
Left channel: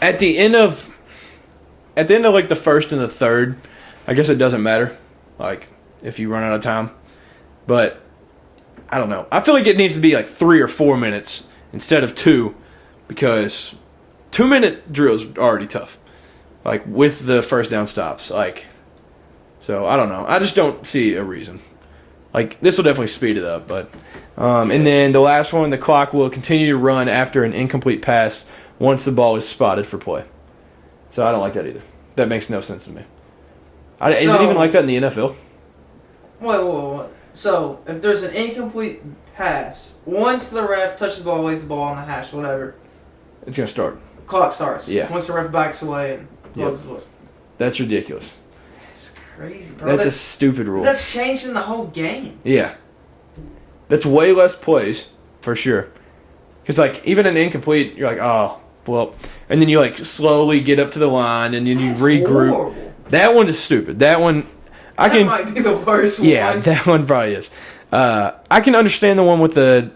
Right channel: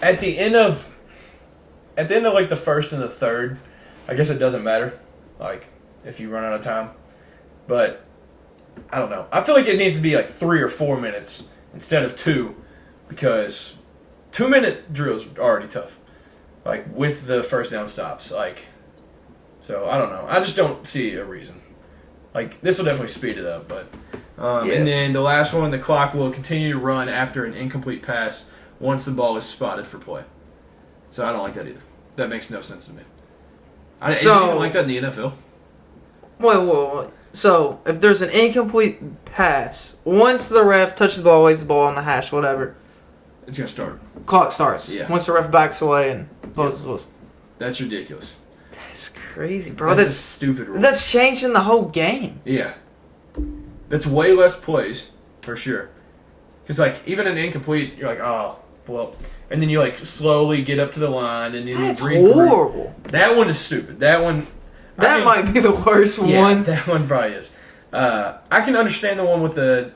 at the end of the first and the third, I guess it doesn't matter, if you run out of time. But, I don't know. I feel like it needs to be 3 or 4 minutes instead of 2, because 2-minute drills are already tough. With the first down stops. So, I don't know. I just don't see a reason. This will definitely speed it up. But, and then the last one, the clock will continue to run after an incomplete pass once the ball is spotted for play. So, I don't like that either. That makes no sense to me. Is it even like that in the NFL? Wait. So, if there's an incomplete pass, once the ref touches the ball, waves the ball on the hash, whatever, it's going to start. Clock starts. Yeah. Once the ref backs away and closes the whistle. That's ridiculous. That's crazy, bro. That's a stupid rule. That's changing the whole game. Yeah. That's way less plays, for sure. Because, even an incomplete, you're oh, well. And then you, slowly get up to the line, and then you regroup. Horrible. That one is stupid. That one... That might be the worst one. Yeah, that one probably is. I can understand the one with the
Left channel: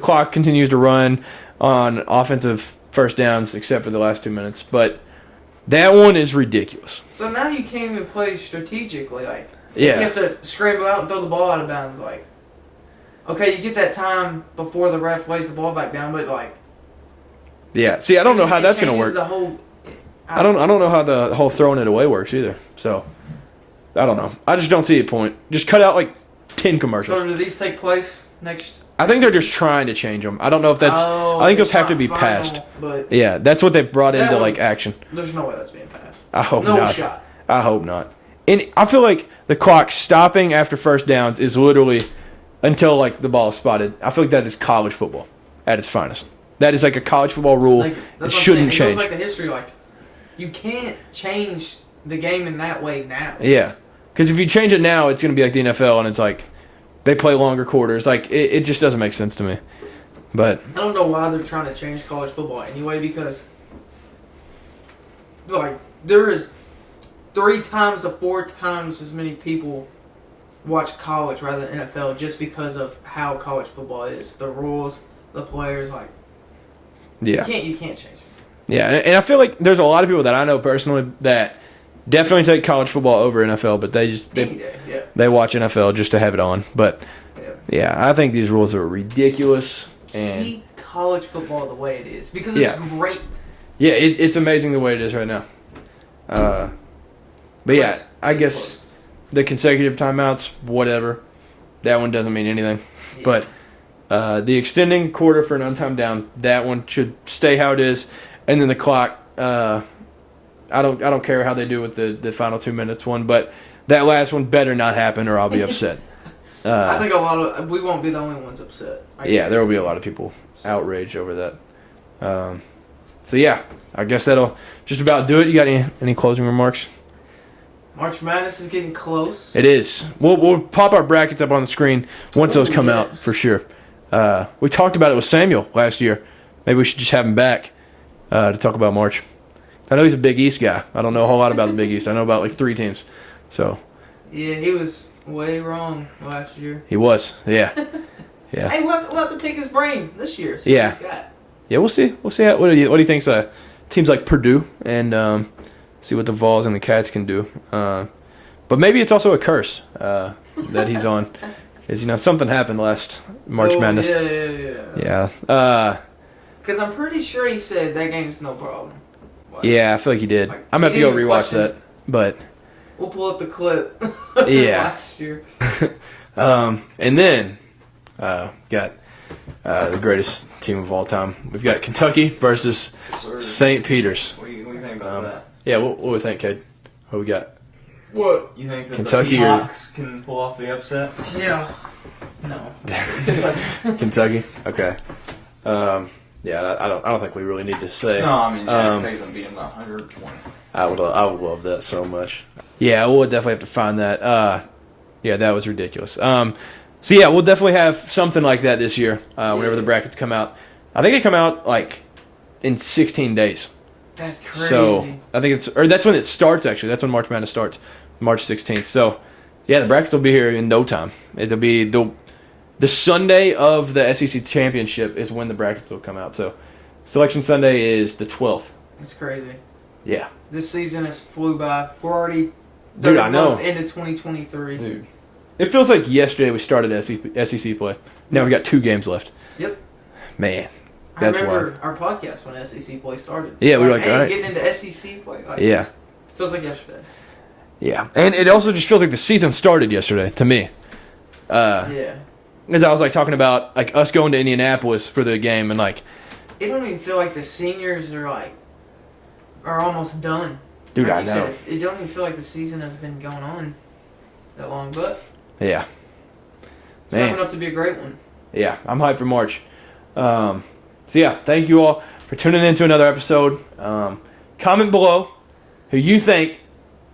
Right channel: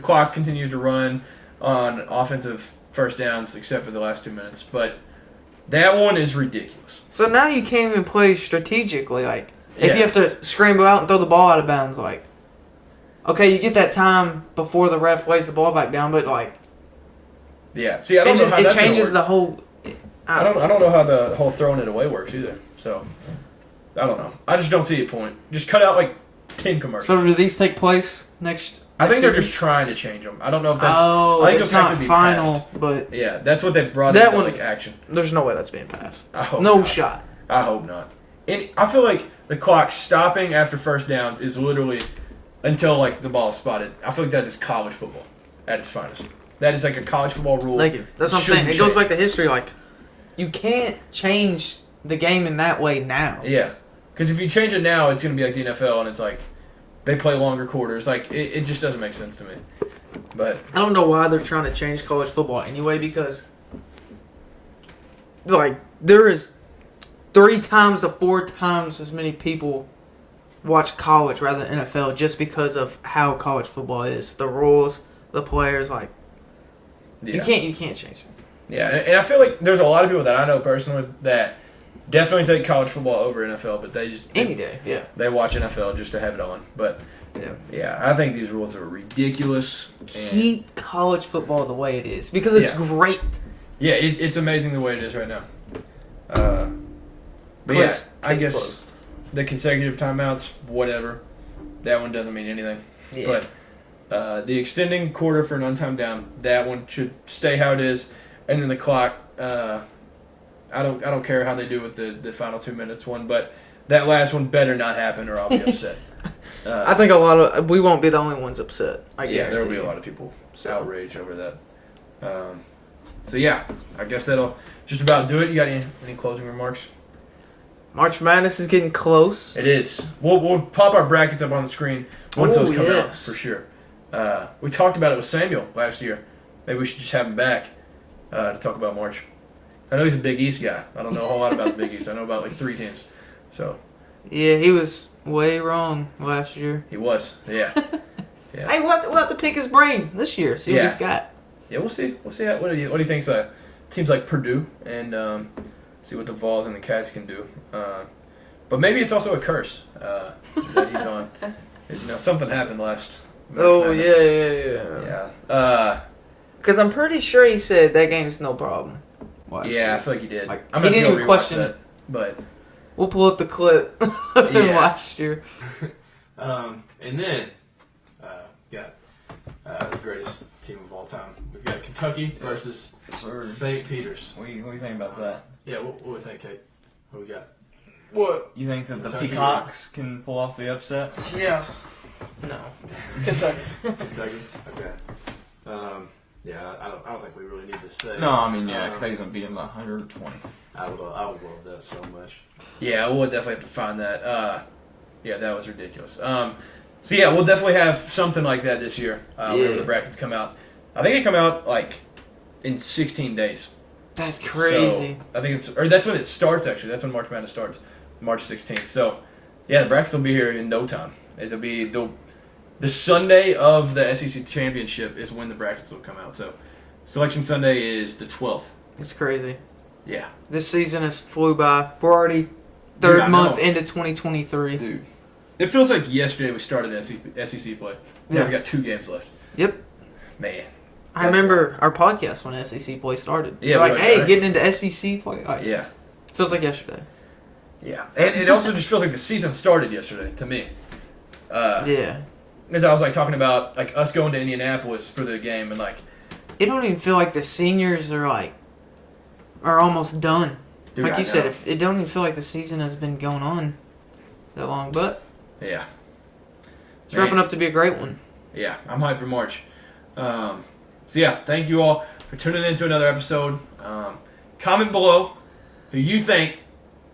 clock continues to run on offensive first downs except for the last 2 minutes, but that one is ridiculous. So now you can't even play strategically. If you have to scramble out and throw the ball out of bounds, okay, you get that time before the ref lays the ball back down, but yeah. See, I don't know how that's going to work. It changes the whole. I don't know how the whole throwing it away works either. So I don't know. I just don't see a point. Just cut out 10 commercials. So do these take place next? I think they're just trying to change them. I don't know if that's. I think it'll have to be passed. But yeah, that's what they've brought into action. There's no way that's being passed. I hope not. No shot. I hope not. And I feel like the clock stopping after first downs is literally until the ball is spotted. I feel like that is college football at its finest. That is a college football rule. That's what I'm saying. It goes back to history. You can't change the game in that way now. Yeah, because if you change it now, it's going to be like the NFL, and it's they play longer quarters. It just doesn't make sense to me. But I don't know why they're trying to change college football anyway, because there is 3 times to 4 times as many people watch college rather than NFL just because of how college football is. The rules, the players, you can't change it. Yeah, and I feel like there's a lot of people that I know personally that definitely take college football over NFL, but they just they watch NFL just to have it on. But I think these rules are ridiculous. Keep college football the way it is because it's great. Yeah, it's amazing the way it is right now. But I guess the consecutive timeouts, whatever, that one doesn't mean anything. Yeah. But the extending quarter for an untimed down, that one should stay how it is. And then the clock, I don't care how they do with the final 2 minutes one, but that last one better not happen or I'll be upset. I think we won't be the only ones upset. There will be a lot of people outraged over that. So I guess that'll just about do it. You got any closing remarks? March Madness is getting close. It is. We'll pop our brackets up on the screen once those come out, yes. for sure. We talked about it with Samuel last year. Maybe we should just have him back to talk about March. I know he's a Big East guy. I don't know a whole lot about the Big East. I know about like 3 teams. So. Yeah, he was way wrong last year. He was. Yeah. Yeah. Hey, we'll have to pick his brain this year. See what he's got. Yeah, we'll see. We'll see. What do you think? Teams like Purdue and see what the Vols and the Cats can do. But maybe it's also a curse that he's on. Because, something happened last March Madness. Yeah. Yeah. Because I'm pretty sure he said that game's no problem. Yeah, I feel like he did. Like, I'm going to have to go rewatch that. But we'll pull up the clip yeah. last year. And then got the greatest team of all time. We've got Kentucky versus St. Peter's. What do you think about that? Yeah, what do we think, Cade? What we got? What? You think that Kentucky the Hawks can pull off the upset? Yeah. No. Kentucky? Okay. Yeah, I don't think we really need to say. No, I mean, I think them beating the 120. I would love that so much. Yeah, we'll definitely have to find that. Yeah, that was ridiculous. So yeah, we'll definitely have something like that this year. Whenever the brackets come out, I think they come out like in 16 days. That's crazy. So I think that's when it starts. Actually, that's when March Madness starts, March 16th. So yeah, the brackets will be here in no time. It'll be the Sunday of the SEC championship is when the brackets will come out. So Selection Sunday is the 12th. It's crazy. Yeah. This season has flew by. We're already third month into 2023. Dude. It feels like yesterday we started SEC play. Now we've got 2 games left. Yep. Man. I remember our podcast when SEC play started. Yeah, we getting into SEC play. Yeah. Feels like yesterday. Yeah. And it also just feels like the season started yesterday to me. Yeah. Because I was like talking about like us going to Indianapolis for the game and like it don't even feel like the seniors are almost done. Dude, like you said, it don't even feel like the season has been going on that long, but yeah. It's wrapping up to be a great one. Yeah, I'm hyped for March. So yeah, thank you all for tuning in to another episode. Comment below who you think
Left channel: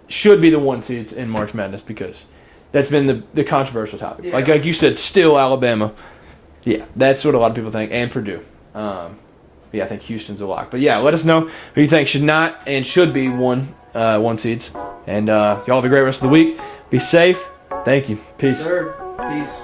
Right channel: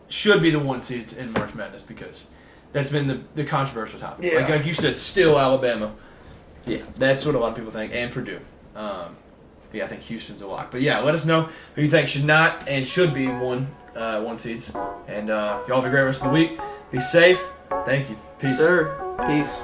should be the 1 seeds in March Madness because that's been the controversial topic. Yeah. Like you said, still Alabama. Yeah, that's what a lot of people think, and Purdue. Yeah, I think Houston's a lock. But yeah, let us know who you think should not and should be 1 seeds. And y'all have a great rest of the week. Be safe. Thank you. Peace. Sir. Peace.